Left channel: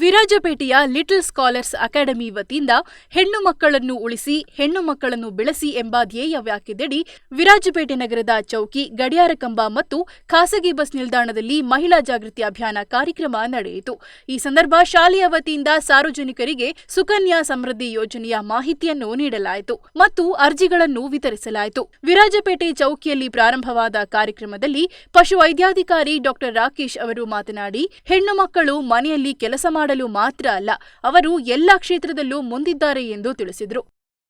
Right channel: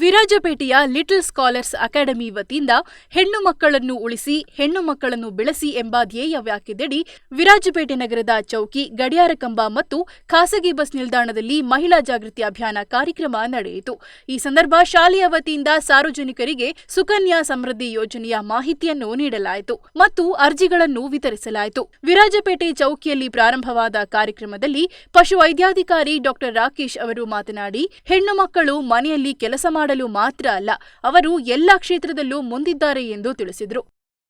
ವಿರಾಜಪೇಟೆಯ little scholars academy ವತಿಯಿಂದ ಹೆಣ್ಣು ಮಕ್ಕಳನ್ನು ಉಳಿಸಿ, ಹೆಣ್ಣು ಮಕ್ಕಳನ್ನು ಬೆಳೆಸಿ ಎಂಬ ಧ್ಯೇಯ ವ್ಯಾಖ್ಯದಡಿ ವಿರಾಜಪೇಟೆ ನಗರದ ಚೌಕಿ ಗಡಿಯಾರ ಕಂಬ ಮತ್ತು ಖಾಸಗಿ ಬಸ್ ನಿಲ್ದಾಣದಲ್ಲಿ ಮಹಿಳಾ ಜಾಗೃತಿ ಅಭಿಯಾನ ಕಾರ್ಯಕ್ರಮ ನಡೆಯಿತು. ಈ ಸಂದರ್ಭ ಶಾಲೆಯ ವತಿಯಿಂದ ಸಾರ್ವಜನಿಕರಿಗೆ ಸುಕನ್ಯಾ ಸಮೃದ್ಧಿ ಯೋಜನೆಯ ಮಾಹಿತಿಯನ್ನು ನೀಡಲಾಯಿತು ಮತ್ತು ಅರ್ಜಿಗಳನ್ನು ವಿತರಿಸಲಾಯಿತು. ವಿರಾಜಪೇಟೆ ಚೌಕಿಯಲ್ಲಿ ಪ್ರಾರಂಭವಾದ ಕಾರ್ಯಕ್ರಮದಲ್ಲಿ ಪಶುವೈದ್ಯಾಧಿಕಾರಿ ಡಾಕ್ಟರ್ ರಾಕೇಶ್ ಅವರು ಮಾತನಾಡಿ, ಹೆಣ್ಣು ಮಕ್ಕಳು ಮನೆಯಲ್ಲಿ ಕೆಲಸ ಮಾಡಲು ಮಾತ್ರ ಅಲ್ಲ, ಅವರು ಎಲ್ಲ ಕ್ಷೇತ್ರದಲ್ಲೂ ಮುಂದಿದ್ದಾರೆ ಎಂದು ತಿಳಿಸಿದರು.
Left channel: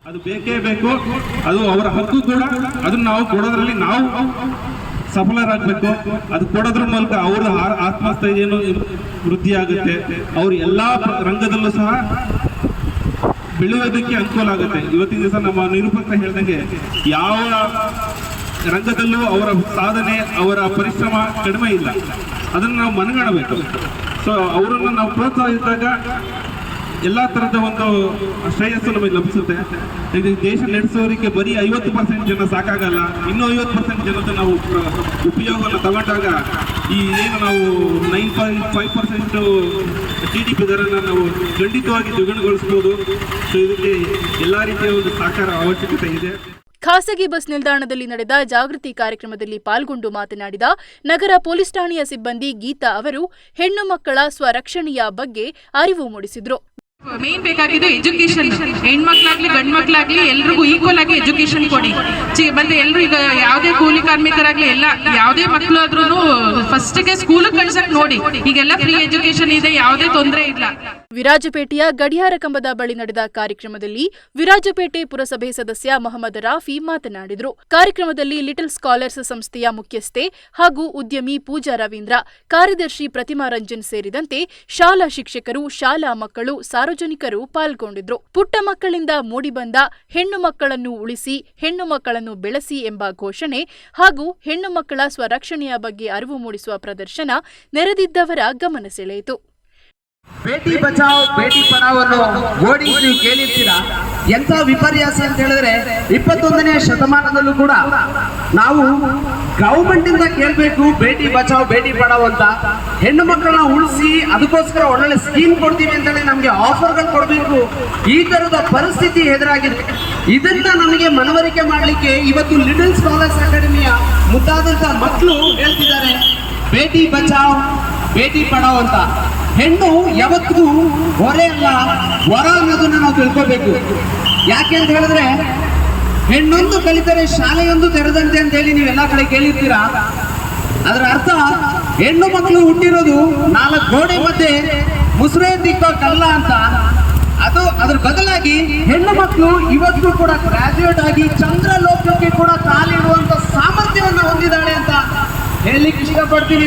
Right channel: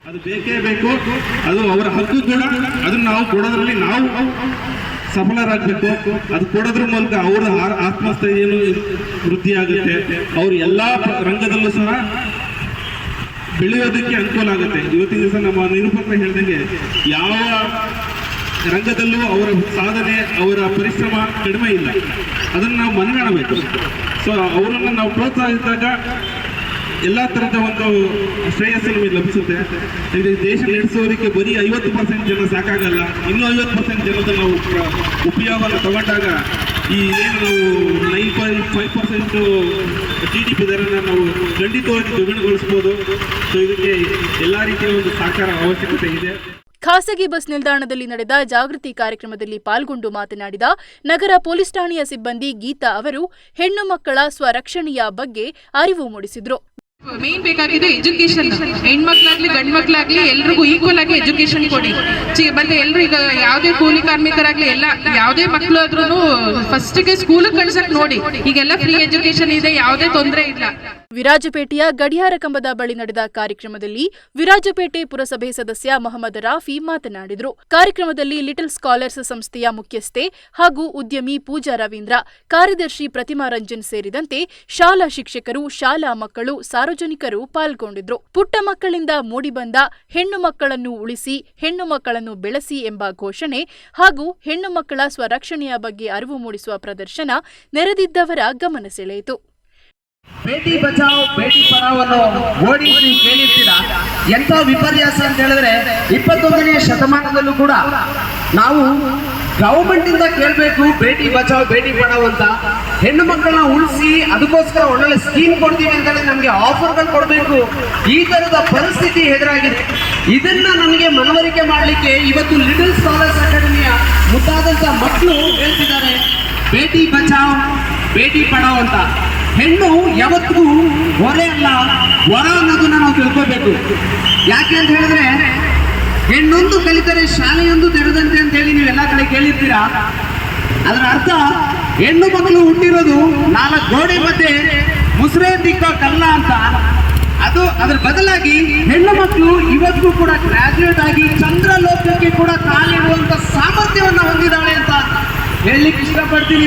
ಅದು ಬೇಕೇ ಬೇಕು, ಅದು ಅವರ ಹಕ್ಕು ಕೂಡ, ಅದನ್ನು ನಾವು ಕೊಡೋದ್ರಲ್ಲಿ ನಾವು ಸಫಲರಾಗಬೇಕು. ಅದು ಕೊಡೋದ್ರ ಮೂಲಕ ಅವರ ಆತ್ಮಸ್ಥೈರ್ಯನು ವೃದ್ಧಿ ಆಗುತ್ತೆ ಅವರು ಎಲ್ಲ ರಂಗದಲ್ಲೂ ಸಹ ಬೆಳೆಯೋದಕ್ಕೆ ಅನುಕೂಲ ಆಗುತ್ತೆ. ಇವತ್ತಿನ ದಿವಸ ನಮ್ಮ ನಿರೂಪಕ ಹೇಳ್ದಂಗೆ ಯಾವ ರಂಗದಲ್ಲೂ ಅವರ ಸಾಧನೆ, ಅವರ ಪರಿಶ್ರಮ ಕಡಿಮೆ ಇಲ್ಲ. ಅದನ್ನು ನಾವು ಮನಗಾಣಬೇಕು. ಸೊ, ಅವರನ್ನು ನಾವು ಪ್ರೋತ್ಸಾಹಿಸಿದಾಗ ಎಲ್ಲ ಥರದ ಒಂದು ಶ್ರೇಯಸ್ಸು ನಮಗೆ ಲಭಿಸುತ್ತೆ. ಇದು ದೇಶ ನಡೆಸೋರಿಗೆ ಬರೀ ಐವತ್ತು ಪರ್ಸೆಂಟ್ ಜನ ಸಾಕಾಗಲ್ಲ. ಇನ್ನೂ ಐವತ್ತು ಪರ್ಸೆಂಟ್ ಜನದ ನಾವು ಉಪಯೋಗವನ್ನು ತಗೊಂಡಾಗ ಈ ಏನು ನಾವು nine point five percent G D P ದರನ್ನು ನಾವು ಖಂಡಿತವಾಗಿ ದ್ವಿಗುಣಗೊಳಿಸ್ಬೋದು. ಸೊ, ಇದಕ್ಕೆ ಎಲ್ಲ ರೀತಿಯ ಒಂದು ಸಹಕಾರ ಅವಶ್ಯಕತೆ ಇದೆ. ಖಾಸಗಿ ಬಸ್ ನಿಲ್ದಾಣದಲ್ಲಿ ನಡೆದ ಜಾಗೃತಿ ಕಾರ್ಯಕ್ರಮದಲ್ಲಿ ಪಾಲ್ಗೊಂಡು ಮಾತನಾಡಿದ ನಗರ ಪೊಲೀಸ್ ಠಾಣೆಯ ಸಿಬ್ಬಂದಿ ಗೀತಾ ಅವರು, ಹೆಣ್ಣು ಮಕ್ಕಳ ಸ್ವರಕ್ಷಣೆಯ ಬಗ್ಗೆ ಅರಿವು ಮೂಡಿಸಿದ್ರು. ಮೇನ್ ಬೇಕಾಗಿದ್ದು ಎಜುಕೇಶನ್ ಹೆಣ್ಮಕ್ಳಾಗ್ಲಿ ಗಂಡ್ ಮಕ್ಳಾಗ್ಲಿ ಎಲ್ರಿಗೂ ಈಕ್ವಲ್ ಆಗಿ ಎಜುಕೇಶನ್ ಕೊಡಿ. ಮತ್ತೆ ಎಲ್ರು ಈಗ ಯಾವುದೇ ಕೂಲಿ ಕಾರ್ಮಿಕರಾಗ್ಲಿ ಎಲ್ಲ, ಯಾವುದೇ ಮಕ್ಕಳು ಆದ್ರೂ ಫಸ್ಟ್ಗೆ ಸ್ಕೂಲ್ ಕಳ್ಸಕ್ ನೋಡಿ. ಈಗೆಲ್ಲ ಫ್ರೀ ಎಜುಕೇಶನ್ ಇದೆ, ಯಾವುದೇ ತೊಂದರೆ ಇಲ್ಲ. ವಿರಾಜಪೇಟೆಯ ಗಡಿಯಾರ ಕಂಬದ ಬಳಿ ನಡೆದ ಕಾರ್ಯಕ್ರಮದಲ್ಲಿ ವಿರಾಜಪೇಟೆ ಪುರಸಭೆ ಸದಸ್ಯ ಮೊಹಮ್ಮದ್ ರಾಫಿ ಮಾತನಾಡಿದರು. ಕಾರ್ಯಕ್ರಮದಲ್ಲಿ ಲಿಟಲ್ ಸ್ಕಾಲರ್ಸ್ ಸಂಸ್ಥೆಯ ಮುಖ್ಯಸ್ಥೆ ಹಾಗೂ ಉದ್ಯಮಿ ಪೂಜಾ ರವೀಂದ್ರ, ಕಾರ್ಯದರ್ಶಿ ಪ್ರತಿಮಾ ರಂಜನ್ ಸೇರಿದಂತೆ ಶಾಲಾ ಶಿಕ್ಷಕರು, ಶಾಲಾ ಮಕ್ಕಳು, ಸಾರ್ವಜನಿಕರು ಪಾಲ್ಗೊಂಡಿದ್ರು ಪುಟ್ಟ ಮಕ್ಕಳಿಂದ ಮೂಡಿಬಂದ ಹೆಣ್ಣು ಮಕ್ಕಳನ್ನು ಉಳಿಸಿ, ಹೆಣ್ಣು ಮಕ್ಕಳನ್ನು ಬೆಳೆಸಿ ಎಂಬ ಘೋಷಣೆ ಹಾಗೂ ಹೆಣ್ಣು ಮಕ್ಕಳ ಸ್ವರಕ್ಷಣೆಯ ಬಗ್ಗೆ ಅರಿವು ಮೂಡಿಸುವ ಪ್ರದರ್ಶನ ನೆರೆದಿದ್ದವರ ಗಮನ ಸೆಳೆಯಿತು. ಬೇಟಿ ಬಚಾವ್, ಬೇಟಿ ಪಡಾವ್ ಅನ್ನೋ ಓಡಿಂಗ್ ನೀವು ಕೇಳಿರ್ತೀರಾ? ಎಂಥ ವಿಪರ್ಯಾಸ ಅಂತ ಹೇಳಿದ್ರೆ ಇಪ್ಪತ್ತೊಂದನೇ ಶತಮಾನದಲ್ಲೂ ಕೂಡ ನಾವು ಗೌರ್ಮೆಂಟ್ ಇಂದ ಕೇಳಬೇಕು ಬೇಟಿ ಬಚಾವ್, ಬೇಟಿ ಪಡಾವ್ ಅಂತ. ಹೆಣ್ಣು ಮಕ್ಕಳನ್ನ ಉಳಿಸಿ ಅದಕ್ಕೋಸ್ಕರ ಒಳ್ಳೊಳ್ಳೆ ಸ್ಕೀಮ್ ಕೊಡ್ತೀವಿ ಅಂತೇಳಿ ನಮಗೆ ಆಫರ್ಗಳು ಕೊಡಬೇಕು. ಈ ತರದ ಪರಿಸ್ಥಿತಿ ಎದುರಾಗಿದೆ. ಇದನ್ನ ನಮಗೆ ಮನವರಿಕೆ ಮಾಡಲಿಕ್ಕೆ ಇವತ್ತು ಲಿಟಲ್ ಸ್ಕಾಲರ್ಸ್ ಅಕಾಡೆಮಿಯ ಮುದ್ದಾದಂತ ಮಕ್ಕಳು ಹೇಳ್ತಿದ್ದಾರೆ. ಬೇಟಿ ಬಚಾವ್, ಬೇಟಿ ಪಡಾವ್ ಅಂತ. ಹೆಣ್ಣು ಯಾವತ್ತಿಗೂ ಹೊರೆ ಅಲ್ಲ, ವರ ಅನ್ನೋದನ್ನ ನಾವು ತಿಳ್ಕೋಬೇಕು. ಯಾಕೆ ಅಂತ ಹೇಳಿದ್ರೆ, ಹೆಣ್ಣೊಂದು ಕಲಿತರೆ ಶಾಲೆಯೊಂದು ತೆರೆದಂತೆ ಅಂತ ಹೇಳಿ ನೀವೆಲ್ಲ ಕಡೆ ಕೇಳಿರ್ತೀರಾ? ಅದರ ಅರ್ಥ, ಹೆಣ್ಣು ಮಕ್ಕಳು ಹುಟ್ಟಿರೋದು ನಾಲ್ಕು ಗೋಡೆ ಮಧ್ಯೆ ಮುಸುರೆ ದಿಕ್ಕ ಕಲ್ಲ ಅಂತ. ಅದು ಅದ್ರ ಬದಲಾಗಿ ಹೆಣ್ಣು ಮಕ್ಕಳು ಇವತ್ತು ಕೂಡ ಗ್ರಾಜುಯೇಟ್ ಆಗಿ ಚಂದ್ರ ಲೋಕಕ್ಕೆ ಕೂಡ ಕಾಲಿಡುವಂತ ಸಾಮರ್ಥ್ಯವನ್ನು ಹೊಂದಿದ್ದಾಳೆ ಅಂತ ಹೇಳಲಿಕ್ಕೆ ಇಷ್ಟಪಡ್ತೀನಿ.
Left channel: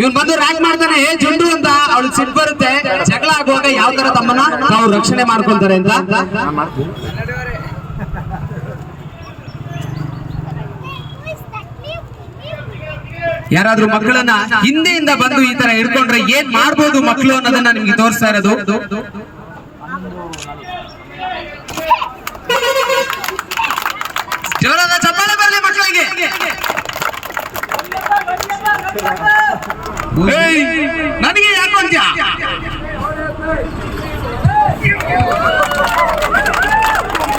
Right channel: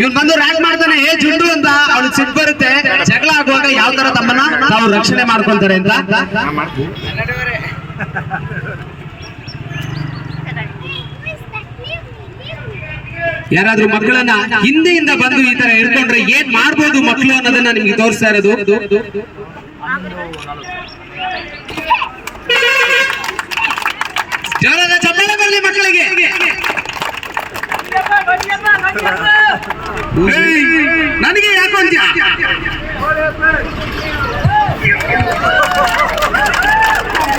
ಇವನ್ ಬಂದು ರ್ಯಾಕ್ ಮಾಡ್ತಾನೆ, ಏ ಜುಂಡು ಅಂತ ಅವಳಿಗೆ ಸಿಟ್ ಬರುತ್ತೆ. ಜಗಳ ಆಗುವಾಗ ಯಾವ ತರ ತಮ್ಮನ್ನ ತಾವು ರಕ್ಷಣೆ ಮಾಡ್ಕೊಂತಾರೆ ಅಂತ? ಯಾರಾದ್ರೂ ಮಕ್ಕಳನ್ನ ಹಿಂದೆಯಿಂದ ಬಂದು ಈ ತರ ಇಟ್ಕೊಂಡ್ರೆ ಏನ್ ಮಾಡ್ಬೋದು ಮಕ್ಕಳು ಅನ್ನೋದನ್ನ ನಿಮ್ಗೆ ತೋರಿಸ್ತಾ ಇರೋದು? ಜೋರಾದ ಚಪ್ಪಾಳೆ ಬರಲಿ ಮಕ್ಕಳಿಗೆ. ನನಗೆ ಯಾಕೆ ಅಂತ್ಯ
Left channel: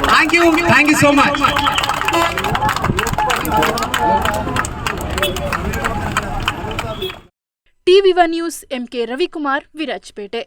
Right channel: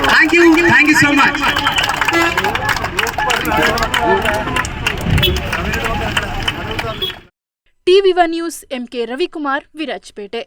thank you thank you so much TV one news M K Ravikumar Virajpet